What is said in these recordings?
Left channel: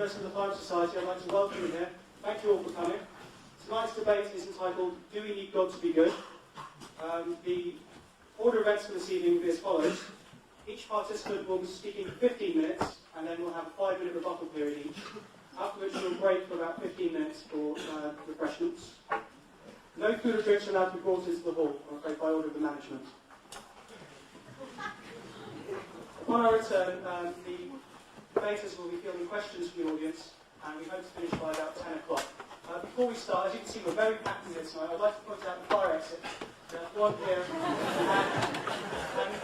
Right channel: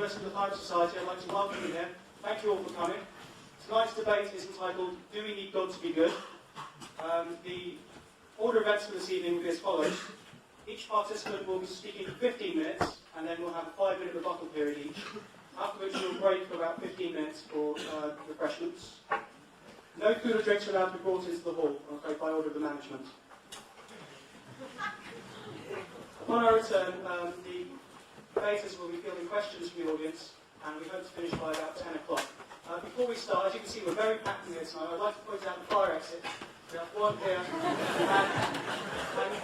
University of the Fire Society, I'd like to welcome you here. Thank you all for coming. Tonight's debate is entitled, Do We Need God to Be Good? The order of events for this evening will be as follows. Each participant will be speaking for 15 minutes, and then we'll have a 5-minute rebuttal period each, after which we'll break for about 15 minutes for refreshments. No food or drinks are allowed to be brought into the hall, I'm afraid, by order of the management. Upon our return, the debaters will be fielding questions from the audience, and we hope to finish by about 10 o'clock. Before we start, as you can see, we're very packed in here tonight. I'd like to point out the fire exit. One here,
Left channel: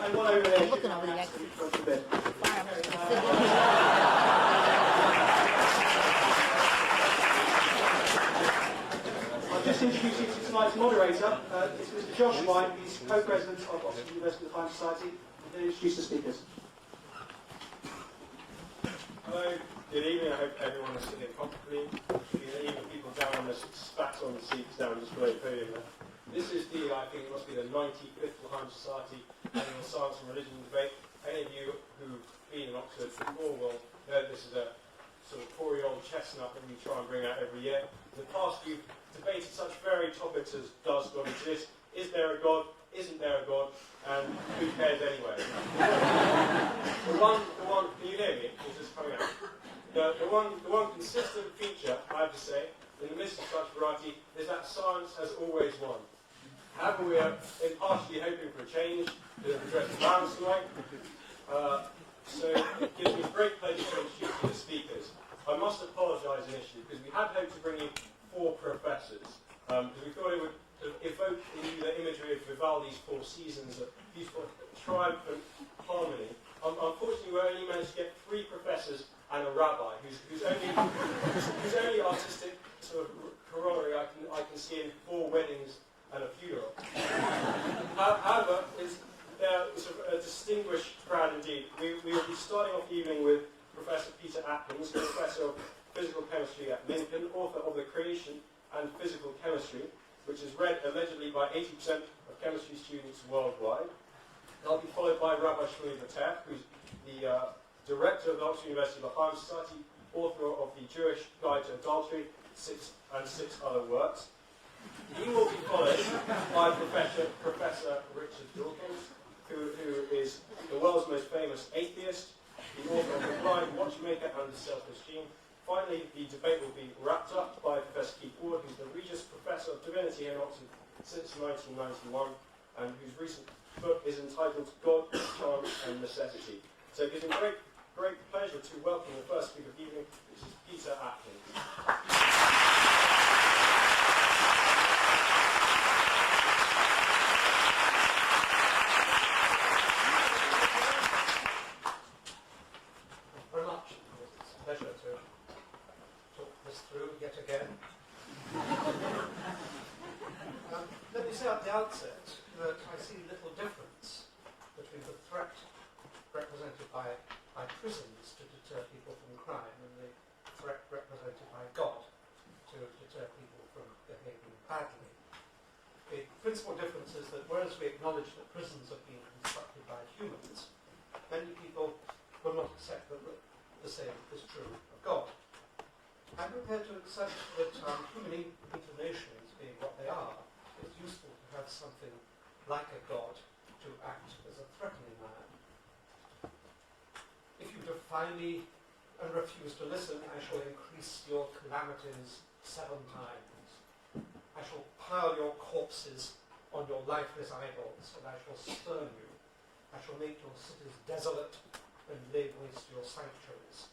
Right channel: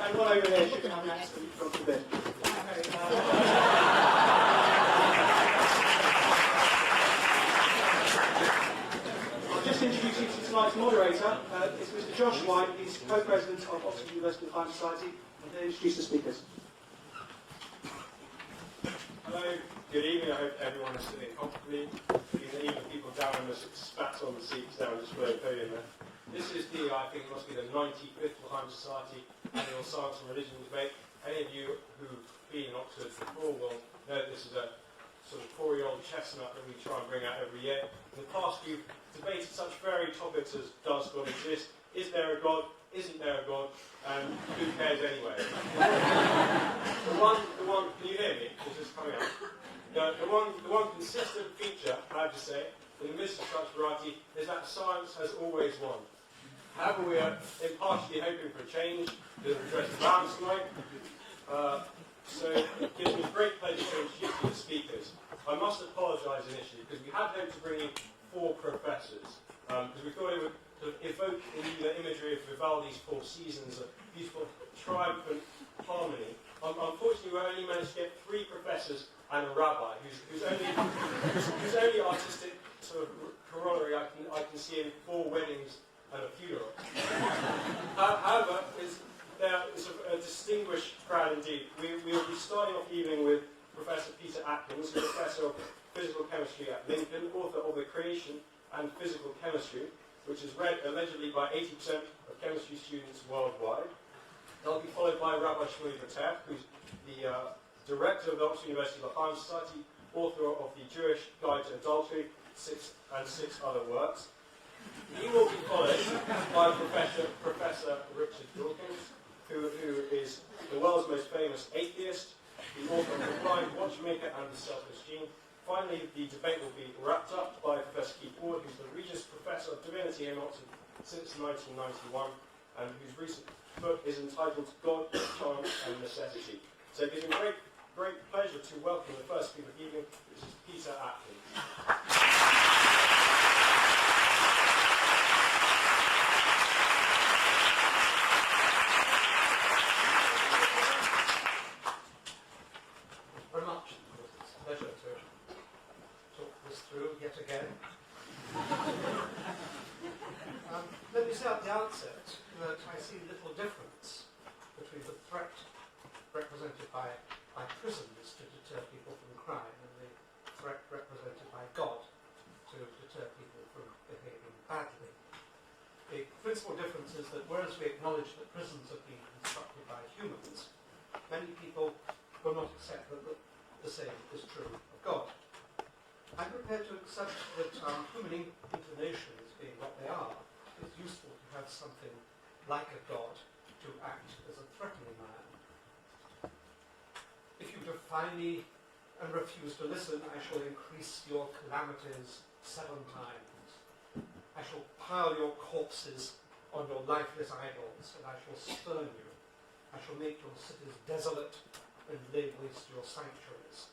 and one over there. Should have an accident from a bit. I'll just introduce you to tonight's moderator. It's Mr. Josh White. He's co-president of Oxford University Fire Society. And then introduce the speakers. Hello, good evening. I hope everyone is sitting comfortably. Even people down on the spats on the seats down just below the podium. This is I think it must be the 95th Fire Society Annual Science and Religion Debate. Any of you who've been in Oxford before will know this is a sort of 4-year-old chestnut that we try and bring out every year. In the past, we've debated such varied topics as does God exist? Is there a God? Isn't there a God? And who cares anyway? the one, can you hear me? This is coming out. The one consistent feature, I have to say, in the midst of such variety, is that science has always won. However, we are impartially hoping for a change to address the balance tonight. So it gives me great pleasure to introduce you to the speakers. I must apologise initially, because we had hoped to bring in 4 professors, because we thought it would sort of evoke in you the imagery of Vivaldi's 4 Seasons, of beautiful triumphant harmony. Unfortunately, we only managed to get 3 professors and a rabbi, whose only artistic sort of corollary I can see in 4 weddings and a funeral. However, they're sort of a distinguished crowd indeed. We will be starting off the evening with Professor Peter Atkins, who's Professor of Physical Chemistry at Lincoln, author of The Creation and Physical Chemistry, which is read allegedly by 80% of chemistry students worldwide. They'll be followed by Rabbi Shmuley Boteach, who's the director of the Oxford University Fire Society, author of the Jewish Guide to Adultery, 6 other works. He will be followed by Professor Richard Dawkins, who is the world's most famous atheist, the author of The Blind Watchmaker and The Selfish Gene. Finally, the debate will be wrapped up by Professor Keith Ward, who's the Regis Professor of Divinity in Oxford since 1991, and whose recent book is entitled God, Chance and Necessity. So it gives me great pleasure to welcome the first speaker of the evening, which is Peter Atkins. Very much. It's a pleasure to talk this through yet again. Let me say at the outset that I see little difference between the threat represented by prisons to deter people from crime and the threat represented by God to deter people from behaving badly. The principal difference is that whereas we acknowledge that prisons have been constructed by humans, many people will not accept that the same is true of God. I'm prepared to accept that human inclinations being what they are, it's useful to have something like a God to act as a threatening man. If you defy me and refuse to listen, I shall increase your calamities 7 times. I shall pile your corpses on your lifeless idols, and I shall spurn you. I shall make your cities desolate and lay waste your sanctuaries.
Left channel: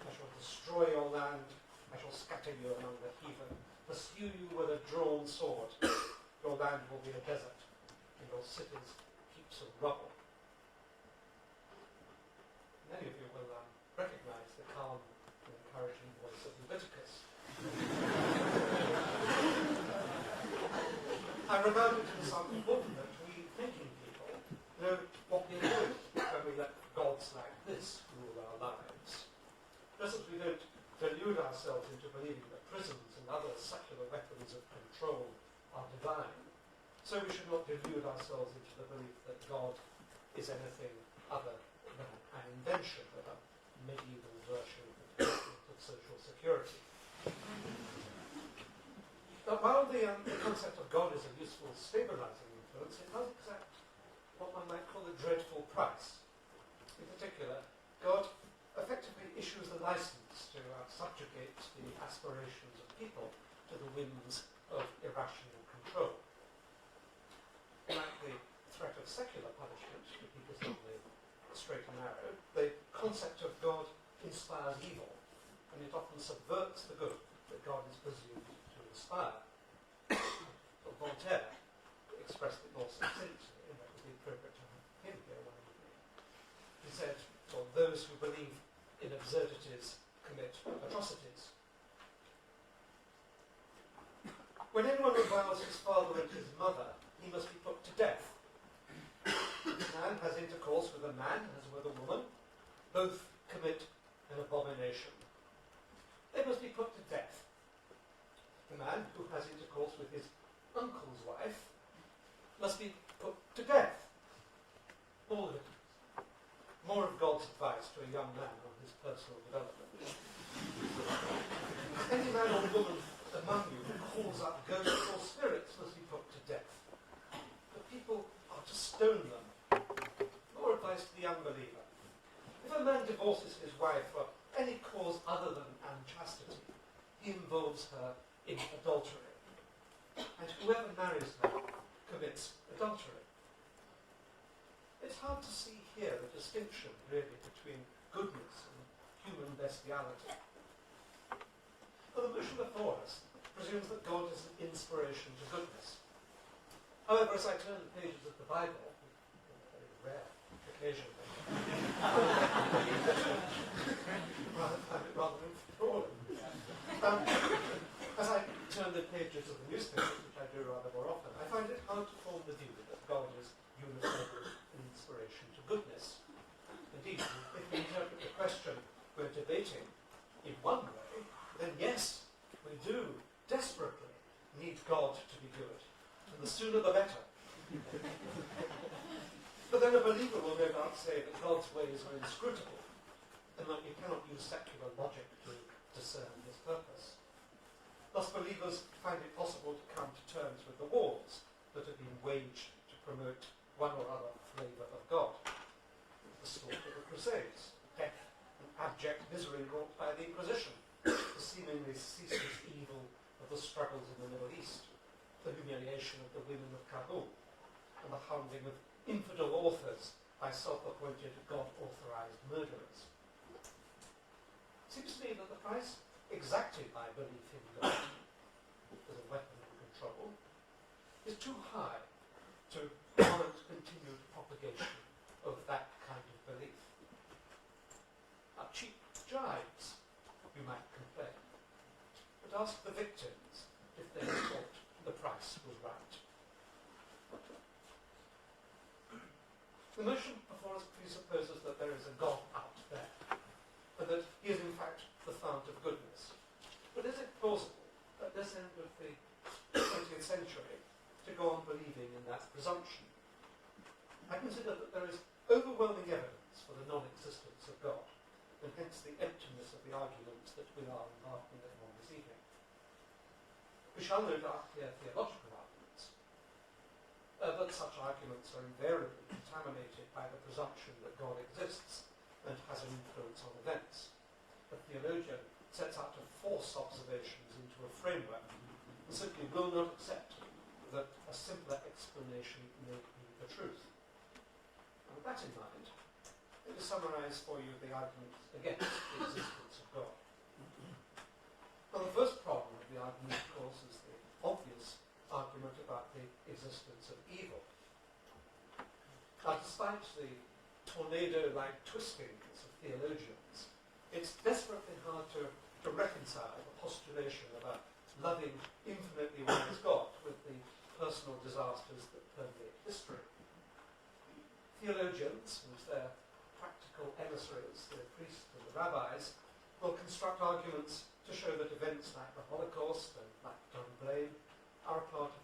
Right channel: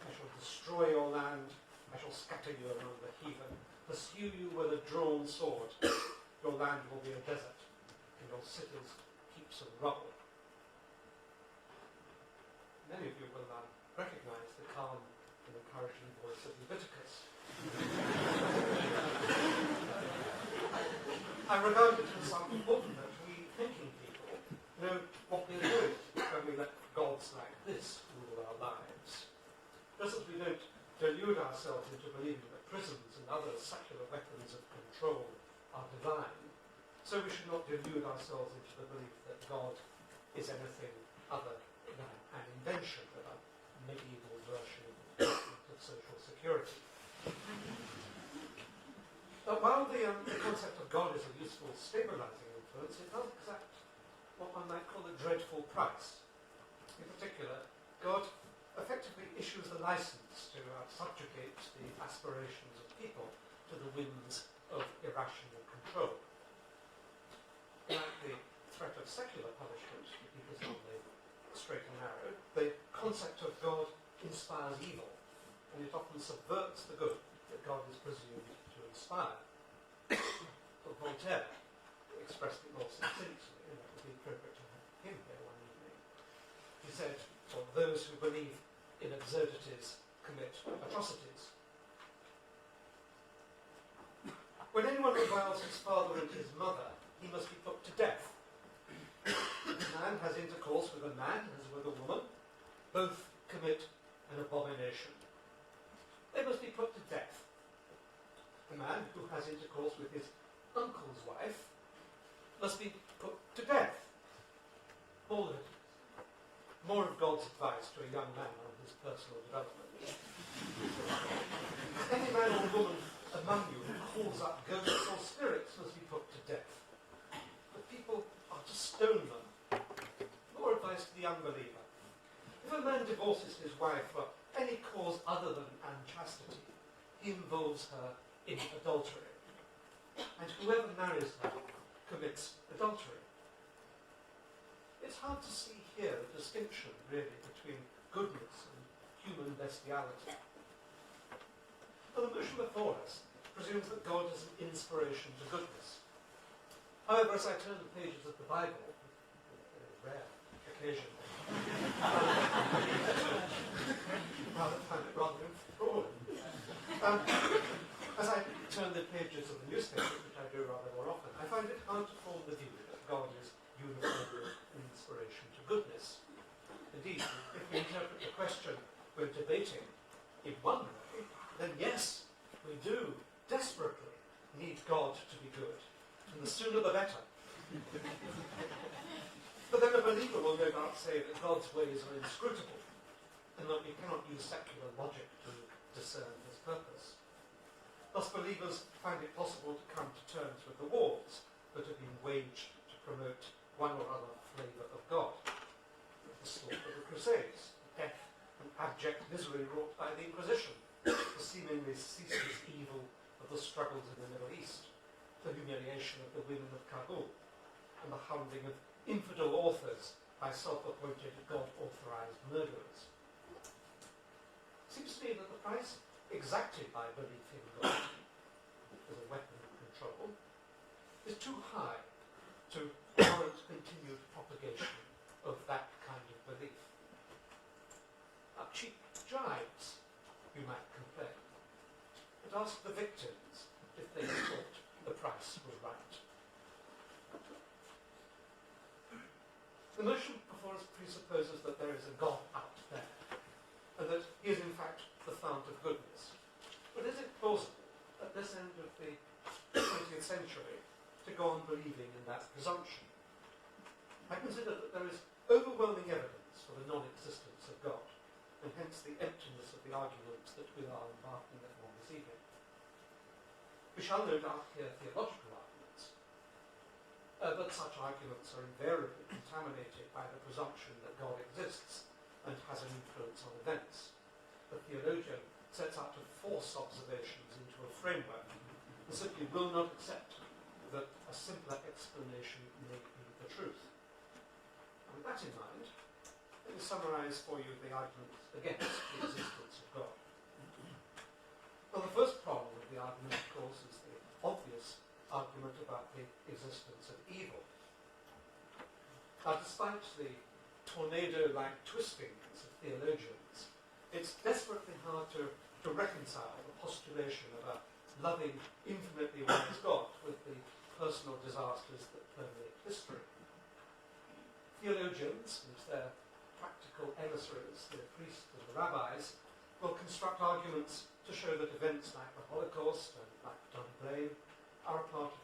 I shall destroy your land. I shall scatter you among the heathen, pursue you with a drawn sword. Your land will be a desert, and your cities heaps of rubble. Many of you will recognize the calm and encouraging voice of Leviticus. I regard it as important that we thinking people know what we're doing when we let gods like this rule our lives. Just as we don't delude ourselves into believing that prisons and other secular weapons of control are divine, so we should not delude ourselves into the belief that God is anything other than an invention of a medieval version of social security. While the concept of God is a useful stabilizing influence, it does exact what one might call a dreadful price. In particular, God effectively issues the license to subjugate the aspirations of people to the whims of irrational control. Like the threat of secular punishment to keep us on the straight and narrow, the concept of God inspires evil, and it often subverts the good that God is presumed to inspire. But Voltaire expressed it more succinctly, and that was appropriate to have him here one evening. He said, well, those who believe in absurdities commit atrocities. When anyone reviles his father and his mother, he must be put to death. If a man has intercourse with a man as with a woman, both commit an abomination. They must be put to death. A man who has intercourse with his uncle's wife must be put to death. More of God's advice to a young man on his personal development. Any man or woman among you who calls up ghosts or spirits must be put to death. But people are to stone them. More advice to the unbeliever. If a man divorces his wife for any cause other than unchastity, he involves her in adultery. And whoever marries her commits adultery. It's hard to see here a distinction, really, between goodness and human bestiality. Well, the motion before us presumes that God is an inspiration to goodness. However, as I turn the pages of the Bible, a very rare occasion, rather enthralling. As I turn the pages of the newspapers, which I do rather more often, I find it hard to form the view that God is uniformly an inspiration to goodness. Indeed, if we interpret the question we're debating in one way, then yes, we do desperately need God to be good, and the sooner the better. But then a believer will no doubt say that God's ways are inscrutable, and that we cannot use secular logic to discern his purpose. Thus, believers find it possible to come to terms with the wars that have been waged to promote one or other flavour of God. The slaughter of the Crusades, the death and abject misery wrought by the Inquisition, the seemingly ceaseless evil of the struggles in the Middle East, the humiliation of the women of Kabul, and the hounding of infidel authors by self-appointed God-authorised murderers. It seems to me that the price exacted by belief in God as a weapon of control is too high to warrant continued propagation of that kind of belief. Cheap jibes, you might complain, but ask the victims if they thought the price was right. The notion before us presupposes that there is a God out there, and that he is in fact the fount of goodness. But is it plausible at this end of the 20th century to go on believing in that presumption? I consider that there is overwhelming evidence for the non-existence of God, and hence the emptiness of the arguments that we are embarking upon this evening. We shall no doubt hear theological arguments, but such arguments are invariably contaminated by the presumption that God exists and has an influence on events. The theologian sets out to force observations into a framework and simply will not accept that a simpler explanation may be the truth. And with that in mind, let me summarise for you the arguments against the existence of God. Well, the first problem of the argument, of course, is the obvious argument about the existence of evil. Now, despite the tornado-like twistings of theologians, it's desperately hard to reconcile the postulation of a loving, infinitely wise God with the personal disasters that permeate history. Theologians, and their practical emissaries, the priests and the rabbis, will construct arguments to show that events like the Holocaust and black John Blaine are a part of